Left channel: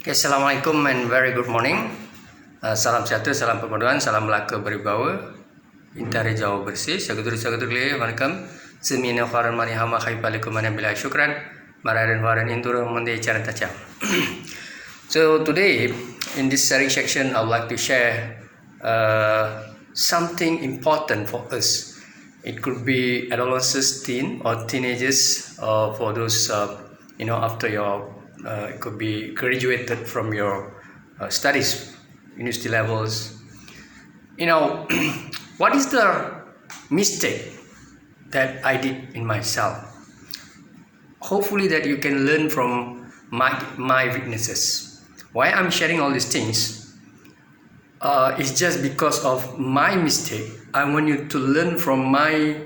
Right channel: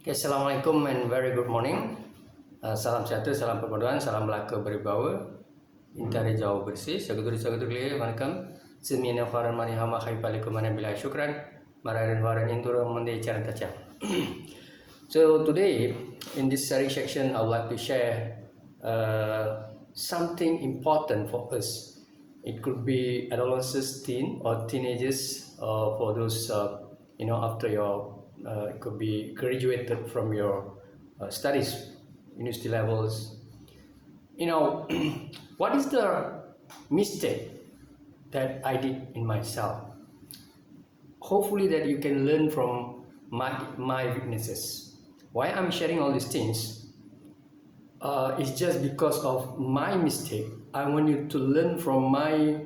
Okay, Assalamualaikum and very good morning. Salam sejahtera, salam perpaduan, salam Melaka berbawa. Intari jauh bersih. Saudara-saudara வணக்கம். Semina faran mani hama khaifalikum mana bila syukran. Mararan faran indura mandi cara tacam. So today in this sharing section, I would like to share something important for us. It could be adolescents, teen or teenagers, or for those after your it could be graduated from your studies, university levels. What is the mistake that I did in myself? Hopefully that you can learn from my weaknesses. Why I'm sharing all these things is just because of my mistake. I want you to learn from my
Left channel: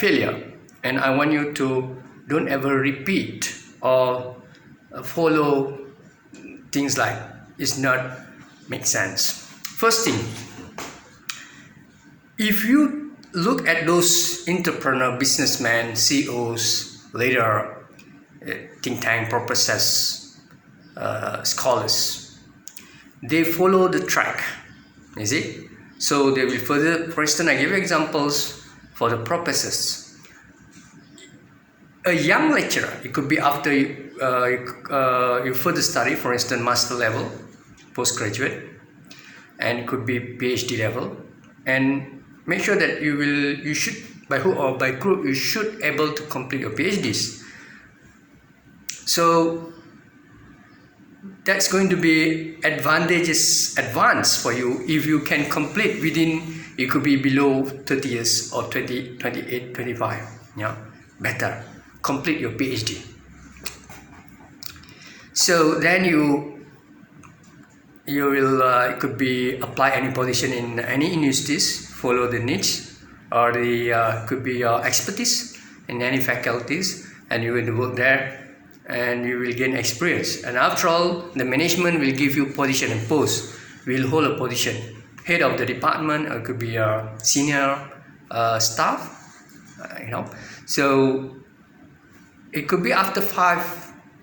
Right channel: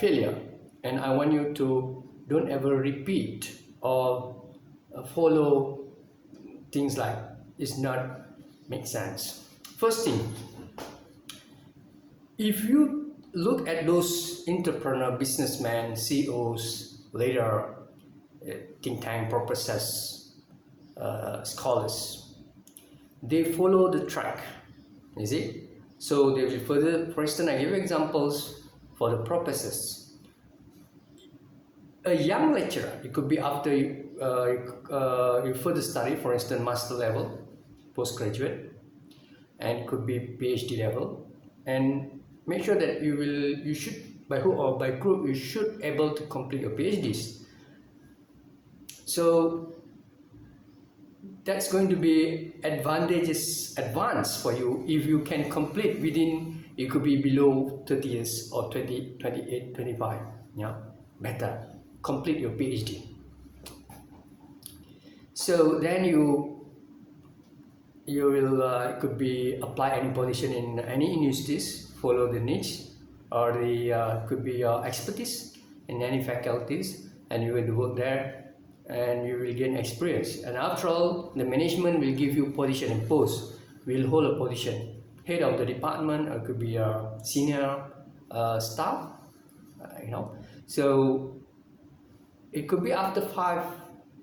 failure, and I want you to don't ever repeat or follow things like it's not make sense. First thing, if you look at those entrepreneur, businessmen, CEOs, leader, think tank purposes, scholars, they follow the track, you see. So they will further, for instance, I give you examples for the purposes. A young lecturer, it could be after you further study, for instance, master level, postgraduate, and it could be PhD level, and make sure that you should, by hook or by crook, you should able to complete your PhDs. So that's going to be advance for you if you can complete within, it could be below 30 years or 20, 28, 25, better complete your PhD. So then you will it could be apply any position in any universities, follow the niche or the could be your expertise in any faculties, and you will work there and you will gain experience. And after all, the management will give you position and post. Will hold a position, head of the department, or it could be a senior staff, So it could be after 5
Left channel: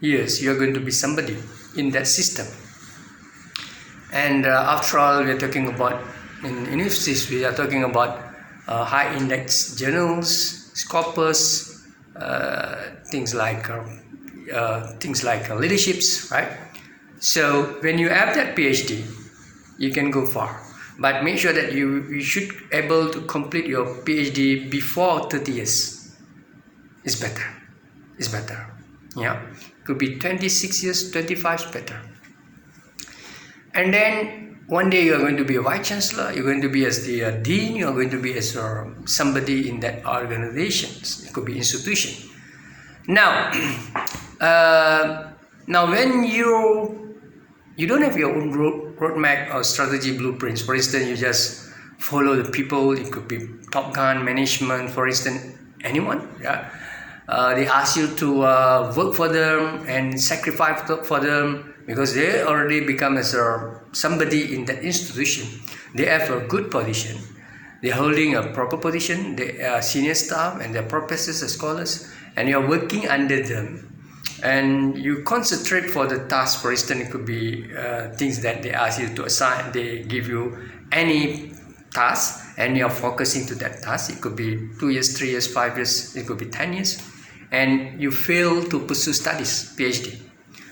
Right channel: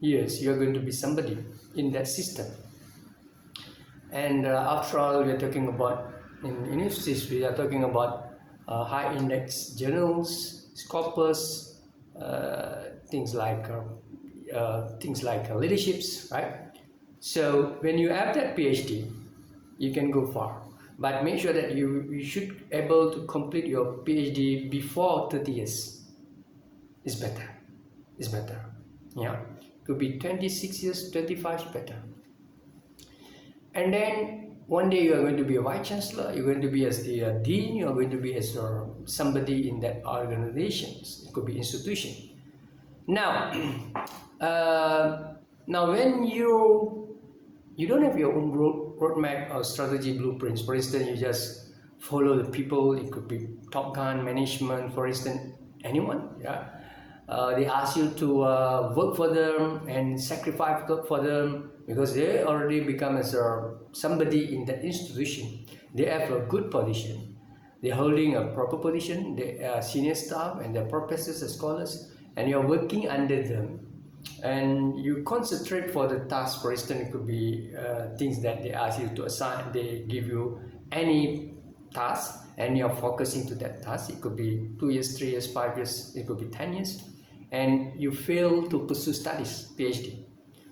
years you're going to be somebody in that system. And after all, we are talking about in universities, we are talking about high index journals, scopus, things like leaderships, right? So when you have that PhD, you can go far, but make sure that you should able to complete your PhD before 30 years. It's better. Could be 26 years, 25 is better. And then one day you are going to be a vice chancellor, you're going to be as the dean, you are going to be as somebody in that organization. It could be institution. Now when you don't have your own roadmap or strategy blueprints, for instance, you just follow the people, it could be Top Gun management, for instance, anyone, they ask you to work for them and sacrifice for them because they already become as somebody in that institution. They have a good position, they're holding a proper position, they are senior staff and they're professors and scholars, and you're working under them, and you concentrate for the task. For instance, it could be things that they ask you to assign, they give you any task and you're focusing to that task. It could be 2 years, 3 years, 5 years, it could be 10 years, and you fail to pursue studies, PhD.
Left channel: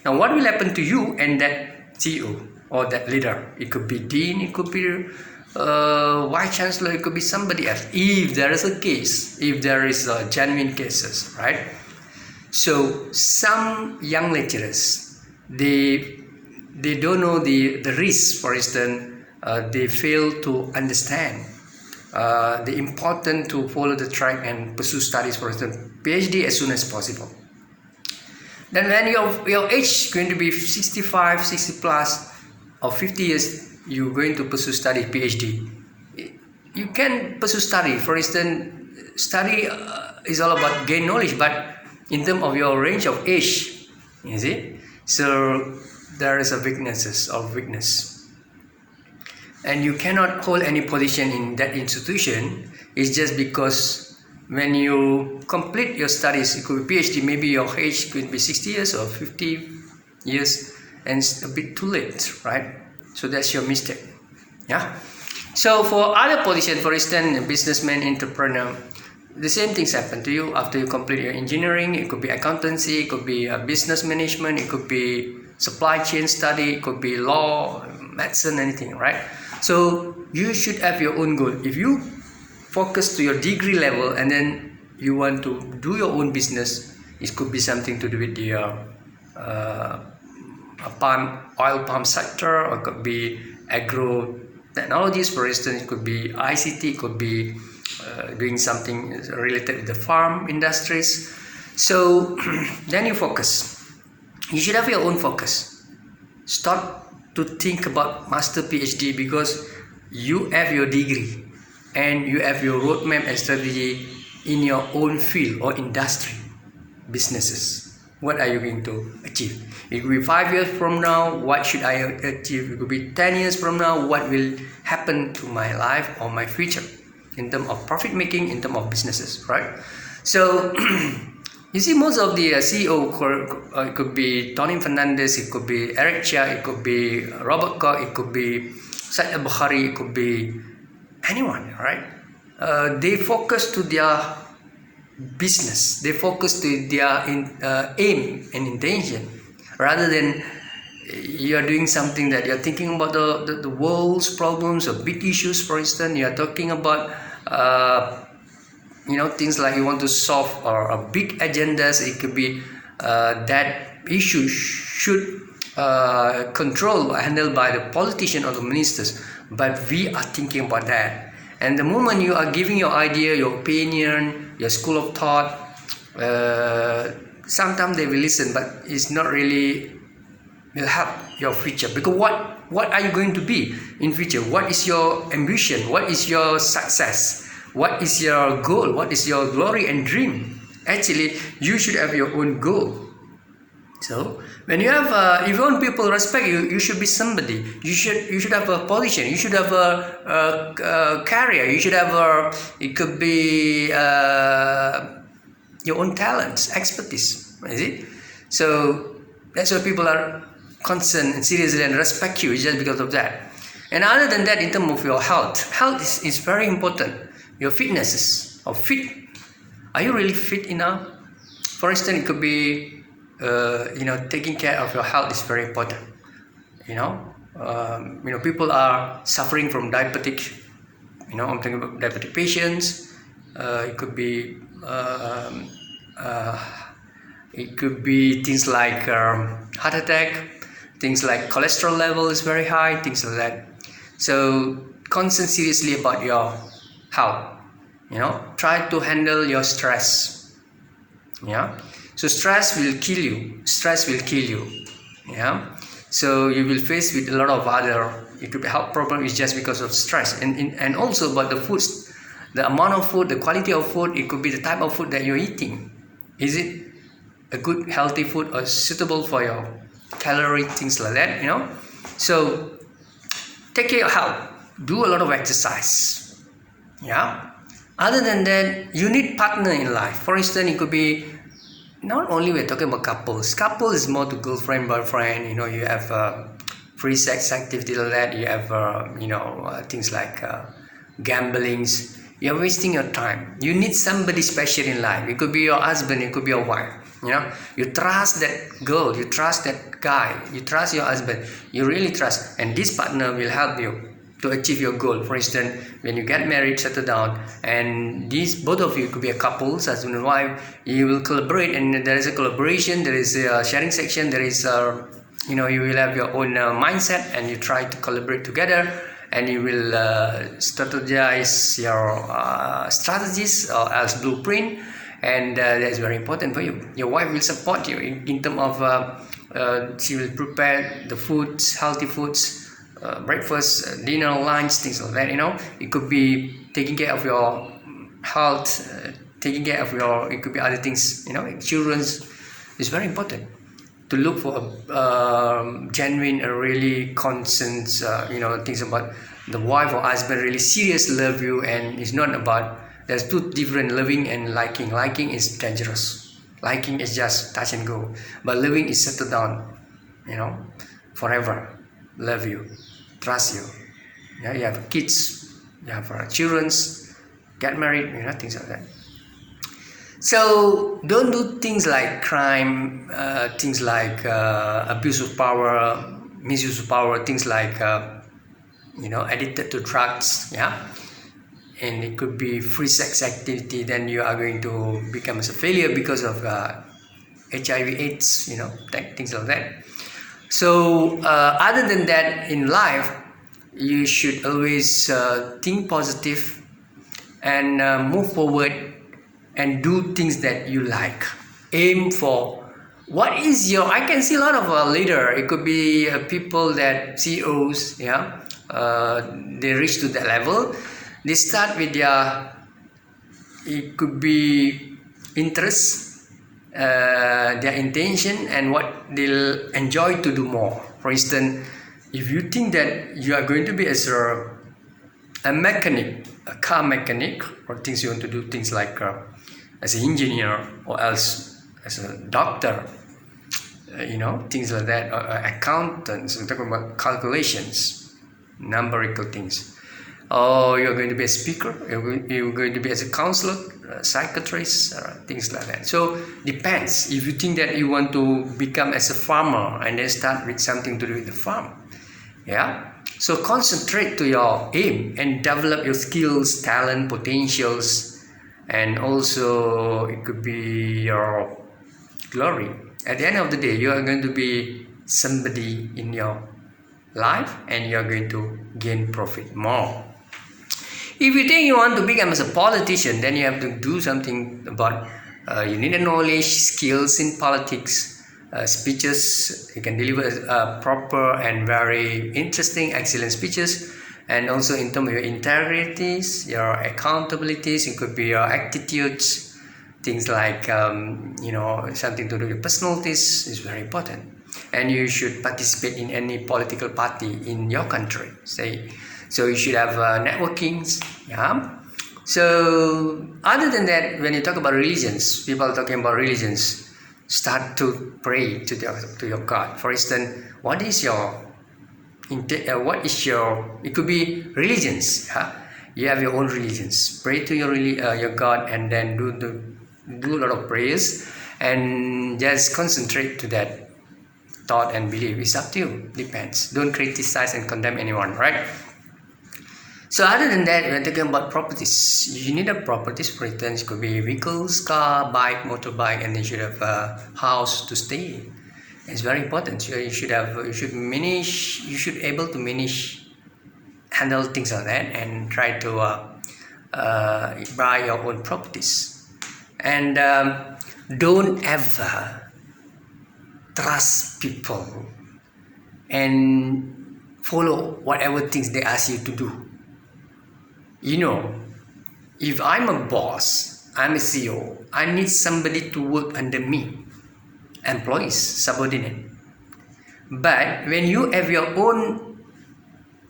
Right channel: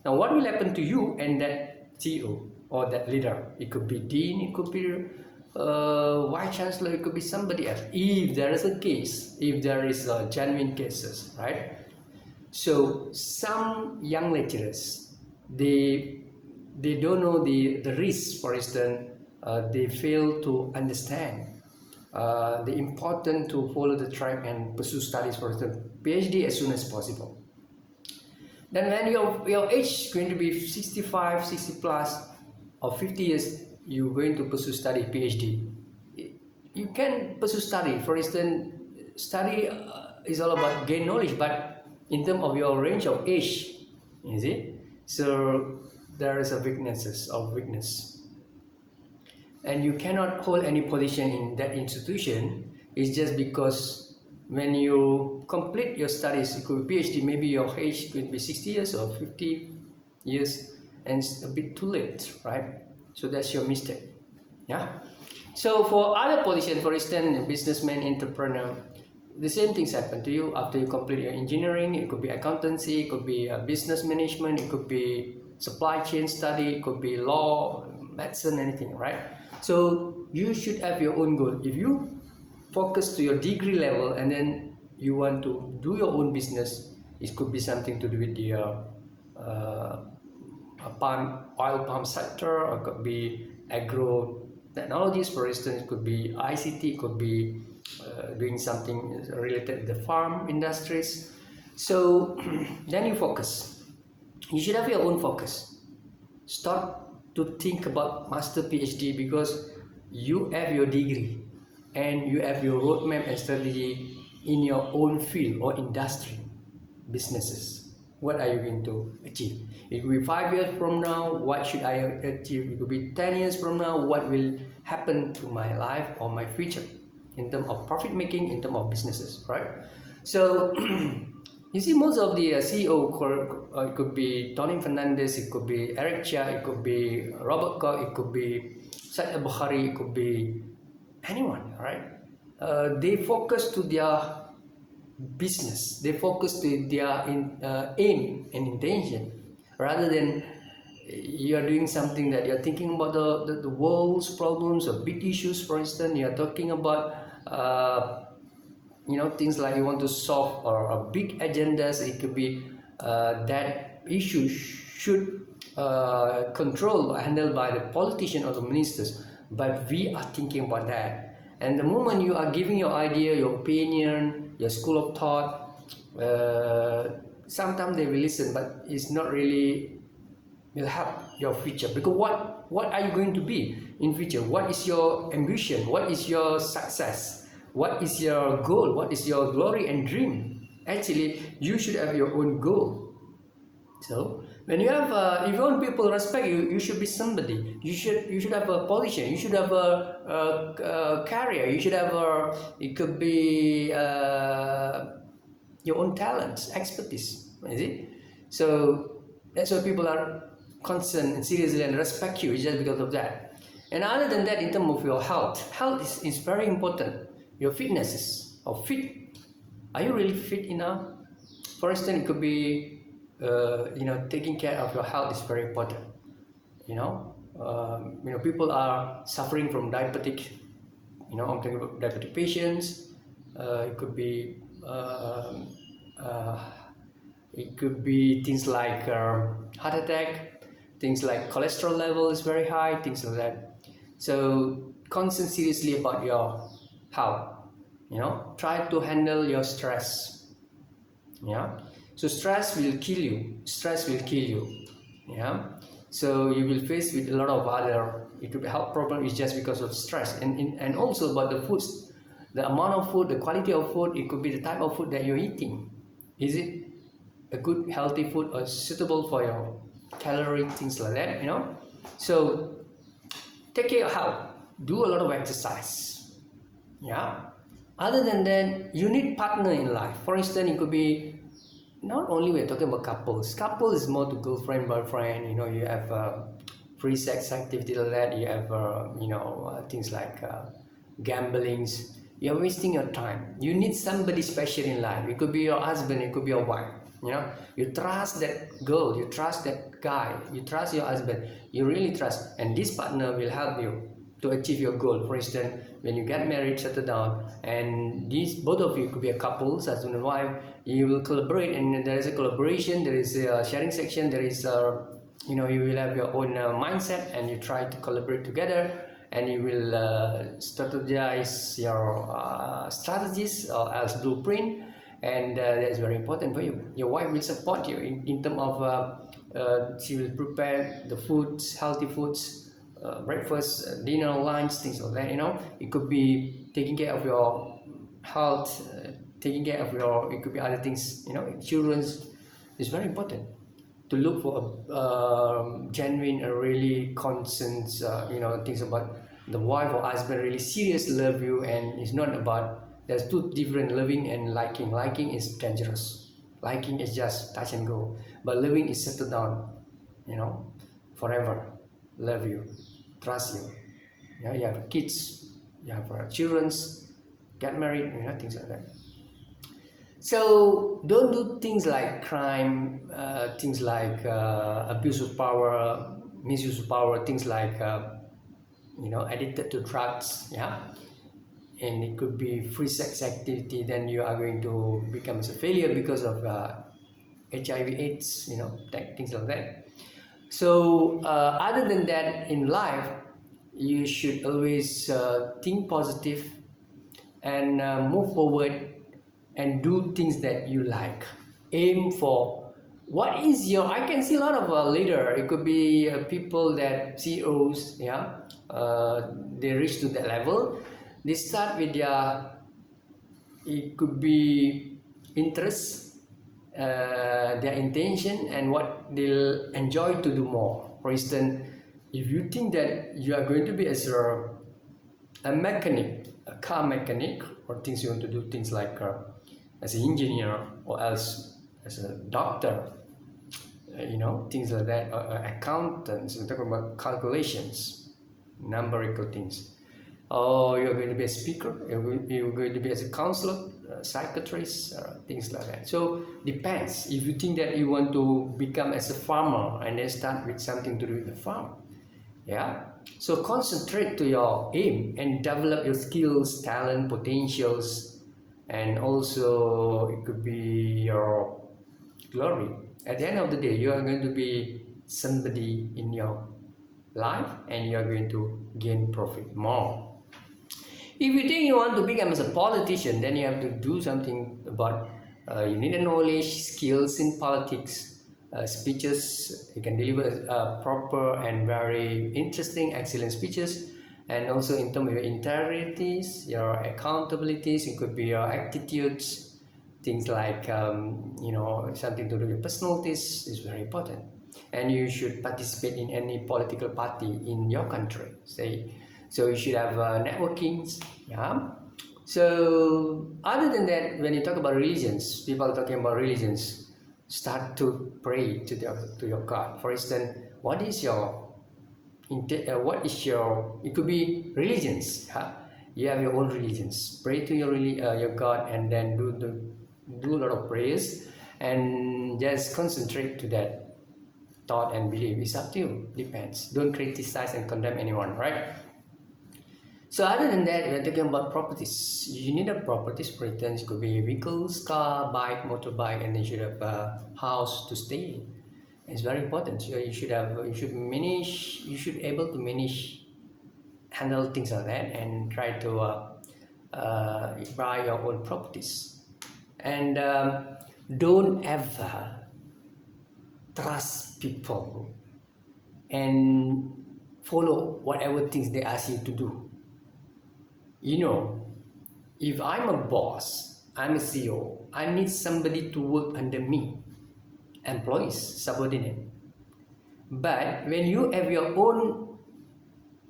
Now what will happen to you and that CEO or that leader? It could be dean, it could be vice chancellor, it could be somebody else, if there is a case, if there is genuine cases, right? So some young lecturers, they don't know the risks. For instance, they fail to understand the important to follow the track and pursue studies, for instance, PhD as soon as possible. Then when your age is going to be 65, 60 plus or 50 years, you're going to pursue study PhD. You can pursue study, for instance, study is all about gain knowledge, but in terms of your range of age, you see, so there is a weakness, and you cannot hold any position in that institution. It's just because when you complete your studies, it could be PhD, maybe your age could be 60 years or 50 years, and it's a bit too late, right? So that's your mistake. Yeah. So for other position, for instance, a businessman, entrepreneur, the same things happen to you after you complete your engineering. It could be accountancy, it could be business management, it could be supply chain study, it could be law, medicine, anything, right? So you should have your own goal. If you focus to your degree level and then you want to do your own business, it could be something to do with the oil palm sector, or it could be agro technologies, for instance. It could be ICT, it could be doing something related with the farm industries. So then you focus. You should have your own focus. Stop to think about master PhD, because you have your degree and you have your roadmap and strategy in your own field or industry, businesses. What are you going to achieve? It could be 5 years from now, what should I achieve? It could be 10 years from now, what will happen to my life or my future in terms of profit making, in terms of businesses, right? So you see, most of the CEO, it could be Tony Fernandez, it could be Eric Chia, it could be Robert Koch, it could be Said Al-Bukhari, it could be anyone, right? They focus to their business, they focus to their aim and intention, rather than you're doing something that you're thinking about the world's problems or big issues. For instance, you're talking about things like you want to solve or big agendas. It could be that issue should control or handled by the politician or the ministers, but we are thinking about that. And the moment you are giving your idea, your opinion, your school of thought, sometimes they will listen, but it's not really will help your future. Because what are you going to be in future? What is your ambition? What is your success? What is your goal? What is your glory and dream? Actually, you should have your own goal. So when you have, if you want people respect you, you should be somebody. You should have a position. You should have a career. You should have it could be your own talents, expertise. Is it? So that's why people are concerned and seriously and respect you just because of that. And other than that, in terms of your health is very important. Your fitnesses or fit. Are you really fit enough? For instance, it could be taking care of your health is very important. People are suffering from diabetic. I'm talking about diabetic patients. It could be things like heart attack, things like cholesterol level is very high, things like that. So concern seriously about your health. Try to handle your stress. So stress will kill you. So you will face with a lot of other, it could be health problem is just because of stress, and also about the foods, the amount of food, the quality of food. It could be the type of food that you're eating. Is it a good healthy food or suitable for your calorie, things like that? So take care of your health, do a lot of exercise. Other than that, you need partner in life. For instance, it could be not only we're talking about couples. Couple is more to girlfriend, boyfriend. You have free sex activity like that. You have things like gamblings. You're wasting your time. You need somebody special in life. It could be your husband, it could be your wife. You trust that girl, you trust that guy, you trust your husband, you really trust, and this partner will help you to achieve your goal. For instance, when you get married, settle down, and both of you could be a couple, husband and wife, you will collaborate, and there is a collaboration, there is a sharing section, there is you will have your own mindset, and you try to collaborate together, and you will strategize your strategies or else blueprint, and that is very important for you. Your wife will support you in terms of she will prepare the foods, healthy foods, breakfast, dinner, lunch, things like that. It could be taking care of your health, taking care of it could be other things. Children's is very important to look for a genuine, really concerned, things about the wife or husband really serious love you, and it's not about, there's two different, loving and liking. Liking is dangerous. Liking is just touch and go, but loving is settle down. forever, love you, trust you. Yeah, you have kids, you have children, get married, things like that. So don't do things like crime, things like abuse of power, misuse of power, things like addicted to drugs, yeah, and it could be free sex activity. Then you are going to become as a failure because of HIV/AIDS, things like that. So other than that, in life, you should always think positive and move forward and do things that you like. Aim for what is your. I can see a lot of leader. It could be people that CEOs, yeah, they reach to that level. They start with their. It could be interest, their intention, and what they'll enjoy to do more. For instance, if you think that you are going to be as a mechanic, a car mechanic, or things you want to do, things like as an engineer, or else as a doctor, things like that, or accountants, we're talking about calculations, numerical things. Or you're going to be a speaker, you're going to be as a counselor, a psychiatrist, things like that. So depends. If you think that you want to become as a farmer and then start with something to do with the farm, yeah. So concentrate to your aim and develop your skills, talent, potentials, and also it could be your glory. At the end of the day, you are going to be somebody in your life and you are going to gain profit more. If you think you want to become as a politician, then you have to do something about you need a knowledge, skills in politics, speeches. You can deliver proper and very interesting, excellent speeches. And also in terms of your integrities, your accountabilities, it could be your attitudes, things like something to do with personalities is very important. And you should participate in any political party in your country, say. So you should have networkings, yeah. So other than that, when you talk about religions, people are talking about religions, start to pray to your God. For instance, what is your it could be religions, huh? You have your own religions. Pray to your God, and then do a lot of prayers, and just concentrate to that thought and belief. It's up to you, depends. Don't criticize and condemn anyone, right? So other than that, we're talking about properties. You need a properties, for instance, it could be vehicles, car, bike, motorbike, and you should have a house to stay. It's very important. So you should able to manage, handle things like that, and try to buy your own properties. And don't ever trust people and follow whatever things they ask you to do. If I'm a boss, I'm a CEO, I need somebody to work under me, employees, subordinate. But when you have your own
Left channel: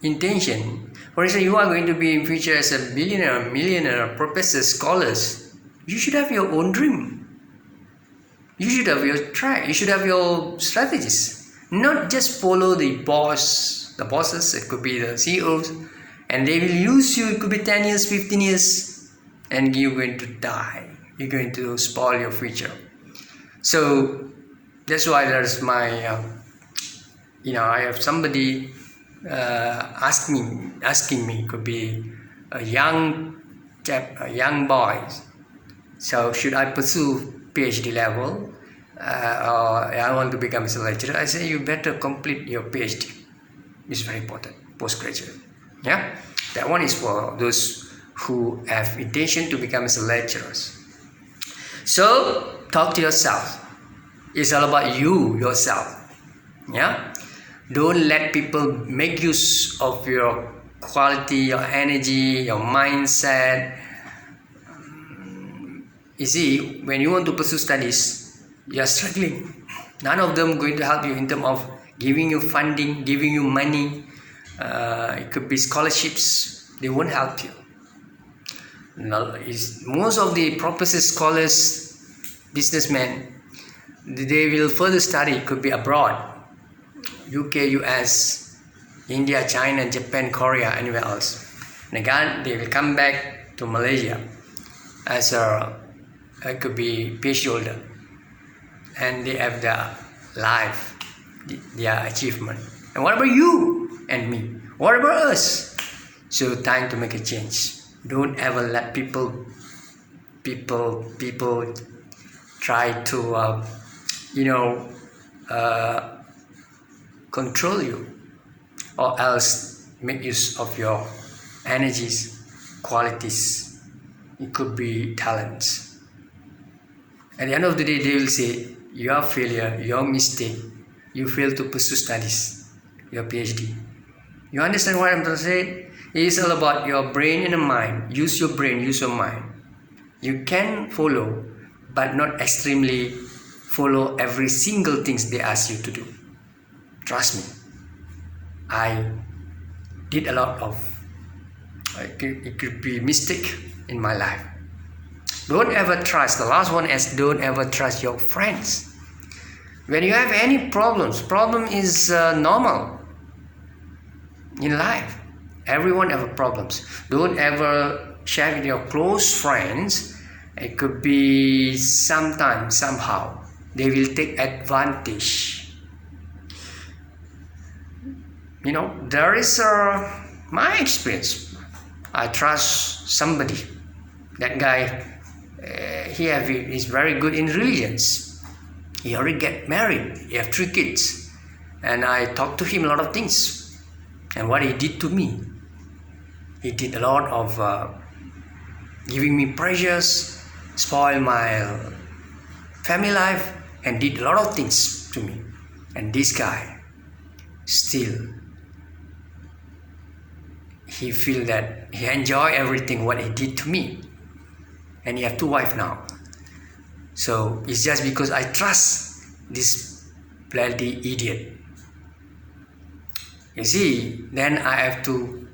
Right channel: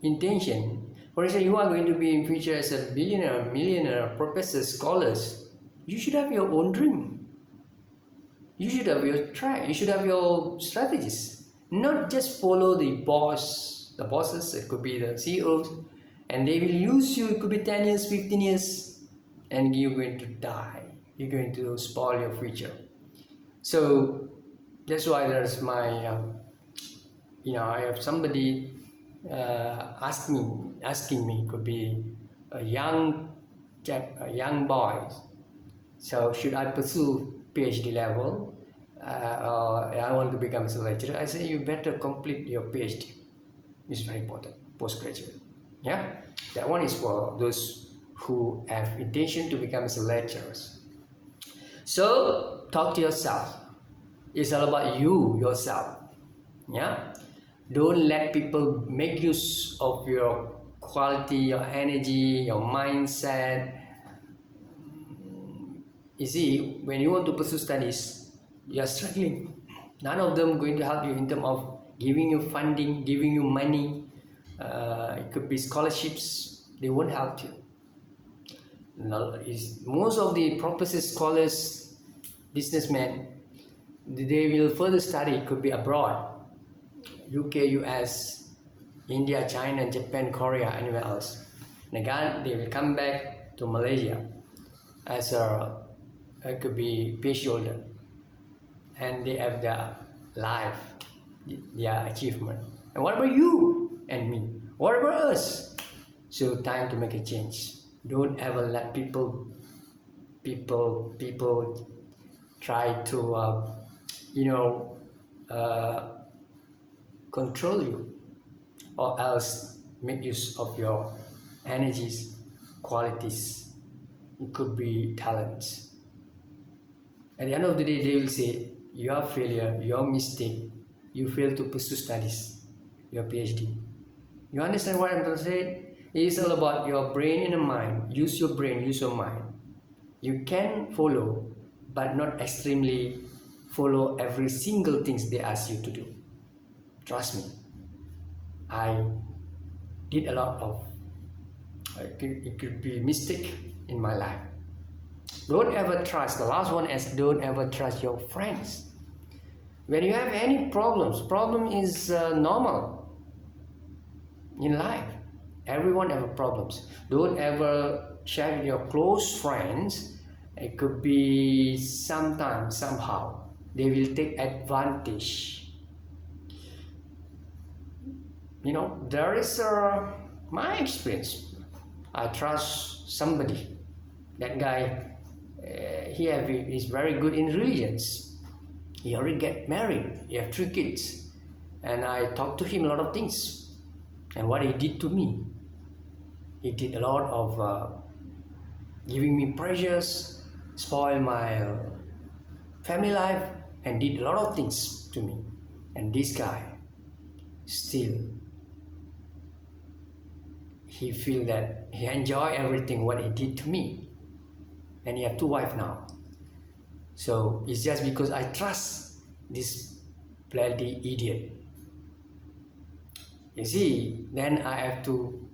intention, for instance, you are going to be in future as a billionaire, millionaire, professor, scholars, you should have your own dream. You should have your track, you should have your strategies, not just follow the bosses, it could be the CEOs, and they will use you. It could be 10 years, 15 years, and you're going to die. You're going to spoil your future. So that's why there's my I have somebody asking me, could be a young boy, so should I pursue PhD level, or I want to become a lecturer? I say you better complete your PhD. It's very important, postgraduate. Yeah, that one is for those who have intention to become as lecturers. So talk to yourself. It's all about yourself. Yeah, don't let people make use of your quality, your energy, your mindset. You see, when you want to pursue studies, you are struggling. None of them going to help you in terms of giving you funding, giving you money. It could be scholarships. They won't help you. Most of the professors, scholars, businessmen, they will further study. It could be abroad. UK, US, India, China, Japan, Korea, anywhere else. And again, they will come back to Malaysia as a, it could be PhD holder, and they have their life, their achievement. And what about you and me? What about us? So time to make a change. Don't ever let people try to control you, or else make use of your energies, qualities. It could be talents. At the end of the day, they will say your failure, your mistake, you failed to pursue studies, your PhD. You understand what I'm trying to say? It is all about your brain and the mind. Use your brain, use your mind. You can follow, but not extremely follow every single things they ask you to do. Trust me, I did a lot of, it could be mistake in my life. Don't ever trust, the last one is don't ever trust your friends. When you have any problems, problem is normal in life. Everyone have problems. Don't ever share with your close friends. It could be sometime, somehow, they will take advantage. There is my experience. I trust somebody. That guy, he's very good in religions. He already get married. He have 3 kids. And I talked to him a lot of things. And what he did to me, he did a lot of giving me pressures, spoil my family life, and did a lot of things to me. And this guy still, he feel that he enjoy everything what he did to me, and he have 2 wives now. So it's just because I trust this bloody idiot. You see, then I have to